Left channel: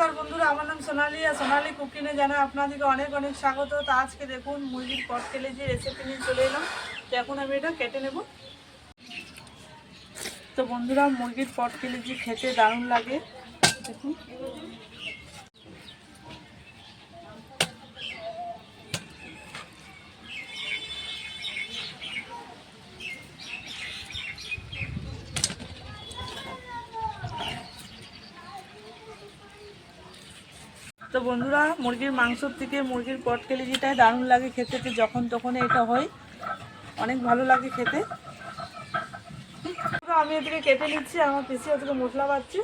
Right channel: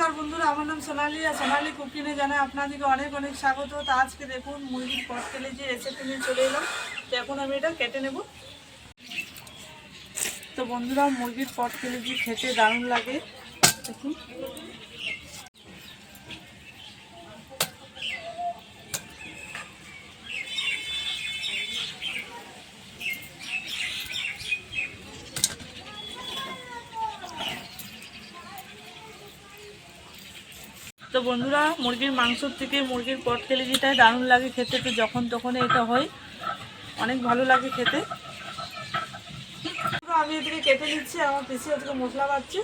नमस्कार बंधुरा আমার নাম সোনালি আর সোনালি কুকিংয়ে জানাই আপনাদেরকে অনেক অনেক স্বাগত। তো আজকে দেখুন মুরগির পটকেলেজি রেসিপি নিয়ে চলে এলাম। তো এখন আমি এটা কেটে নেব। তো বন্ধুরা মুরগির পটকেলেজি খেতে দারুণ লাগে দেখুন। তো বন্ধুরা মুরগির মাংসর থেকে মুরগির পটকেলেজিটাই দারুণ লাগে খেতে। তো যখন তখন এটা হয়, অনেক ভালো লাগে খেতে। আমি এদিকে কেটে নিচ্ছি, আমার পিসি ওদিকে মশলা বাড়ছে।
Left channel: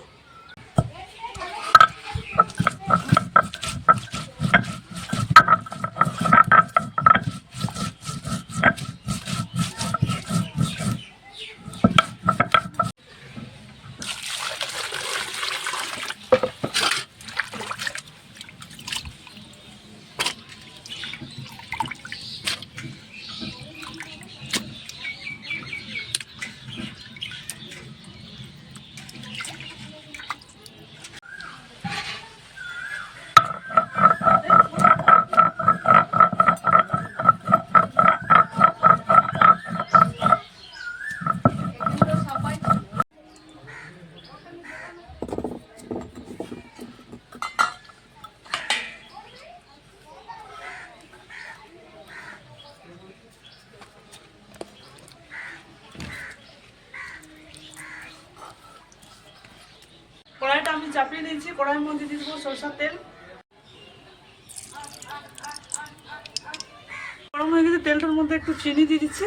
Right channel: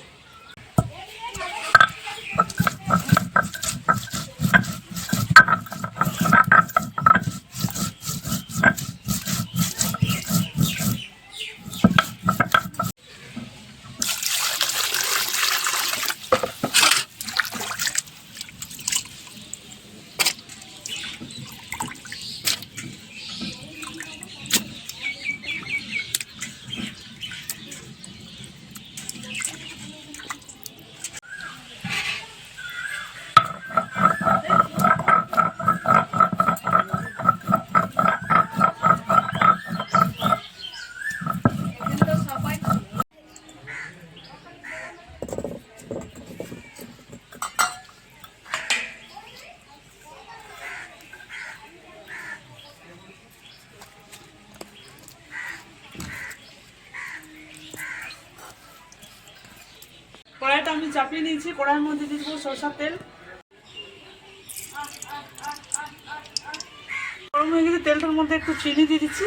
কড়াইটা আমি চাপিয়ে নিয়েছি, কড়াইয়ের মধ্যে দিয়ে দেবো সরষের তেল। গরম হয়ে গেছে, তেলটার মধ্যে একটু চিনি দিয়ে দিচ্ছি,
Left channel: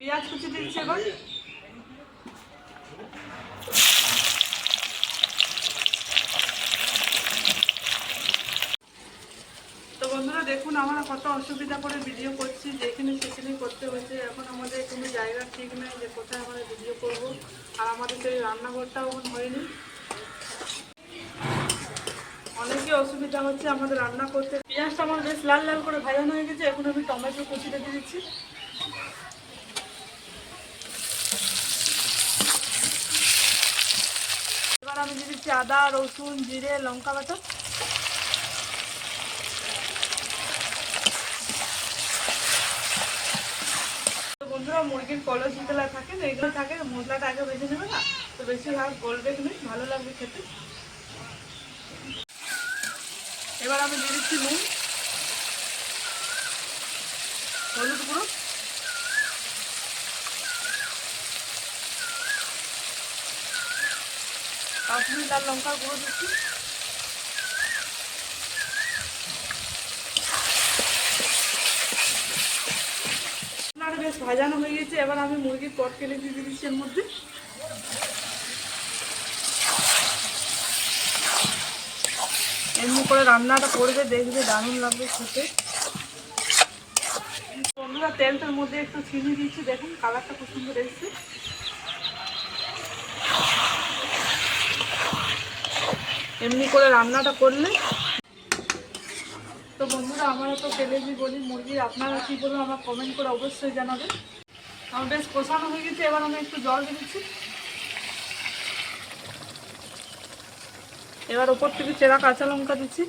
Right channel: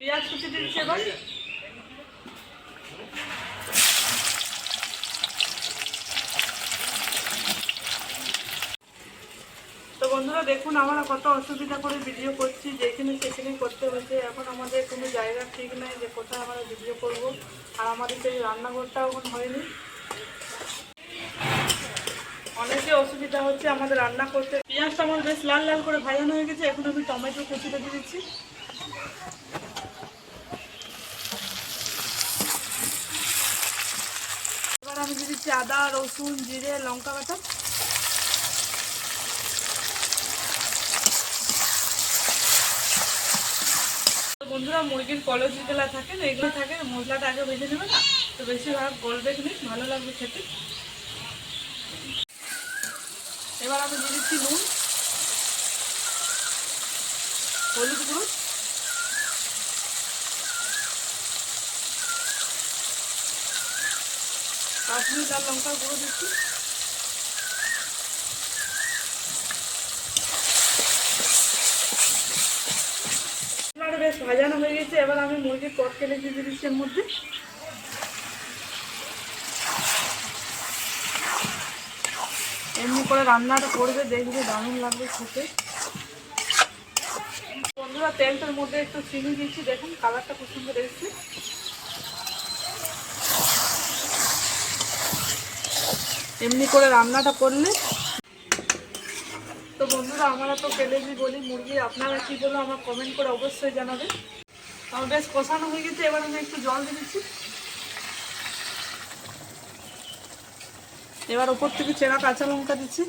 পেঁয়াজ কুচি দিয়ে দিচ্ছি। এবার তো বন্ধুরা দেখুন আমরা কত অসুবিধা করে ভিডিও করছি, যেখানে সেখানে করতে হয়েছে। এখন আমাদের কোনো জায়গা ঠিক নেই যে কোথায় আমরা ভিডিও করব, আর আমাদের সেই রান্নাঘরটাও এখন হয়নি। অনেকে অসুবিধা হচ্ছে আমাদের রান্না করতে। পেঁয়াজটা আমার বেশ লাল লাল করে ভাজানো হয়ে গেছে। এখন আমি টমেটো কুচিটা দিয়ে দিচ্ছি। এবার আমি দিয়ে দিচ্ছি আদা রসুন জিরে লঙ্কা বাটা। বন্ধুরা মুরগির কলস যেগুলো থাকে না, এগুলো থাকে মশলাটা আগে ভেজে নেবে না, তো বেশিরভাগ গলবে কিনে ভালো লাগবে খেতে। এবার আমি দিয়ে দিচ্ছি নুন, হলুদ গুঁড়ো, কাশ্মীরি লাল লঙ্কার গুঁড়ো দিচ্ছি। বেশ ভাজানো হয়ে গেছে। এবার আমি মুরগির পটকেলেজি দিয়ে দিচ্ছি এর মধ্যে। এমনি করে রান্নাটা করবে, দেখবে দারুণ লাগবে খেতে। বন্ধুরা তেলটার মধ্যে একটু চিনি দিচ্ছি, দেখুন কালারটা খুব সুন্দর এসেছে। এমনি করে রান্নাটা করলে। তো বন্ধুরা আমরা তো কেলেজি বলি মুরগি, আপনারা কি বলো আমার কমেন্ট করে অবশ্যই জানাবেন। আমার বেশ কষানো হয়ে গেছে। এবার আমি একটু জল দিয়ে দিচ্ছি। এবার ওপর থেকে চেরা কাঁচা লঙ্কা দিচ্ছি,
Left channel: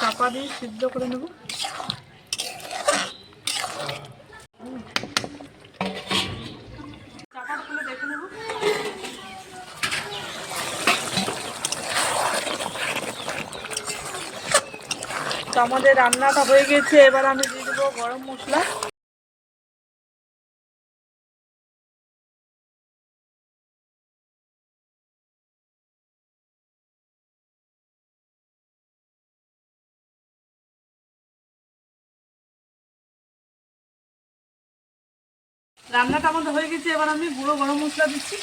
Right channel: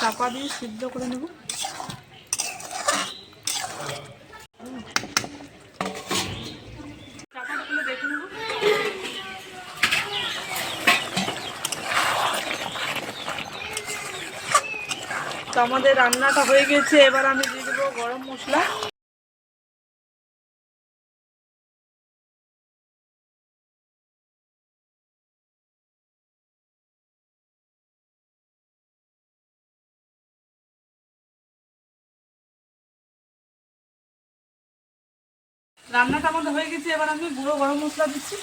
চাপা দিয়ে সিদ্ধ করে নেব। চাপা খুলে দেখে নেব। তো আমাদের রান্নাটা হয়ে গেছে। এবার আমি দিয়ে দেবো গরম মশলা। রান্নাটা আমাদের হয়ে গেছে। এবার আমি গুঁড়ো গরম মশলা দিচ্ছি।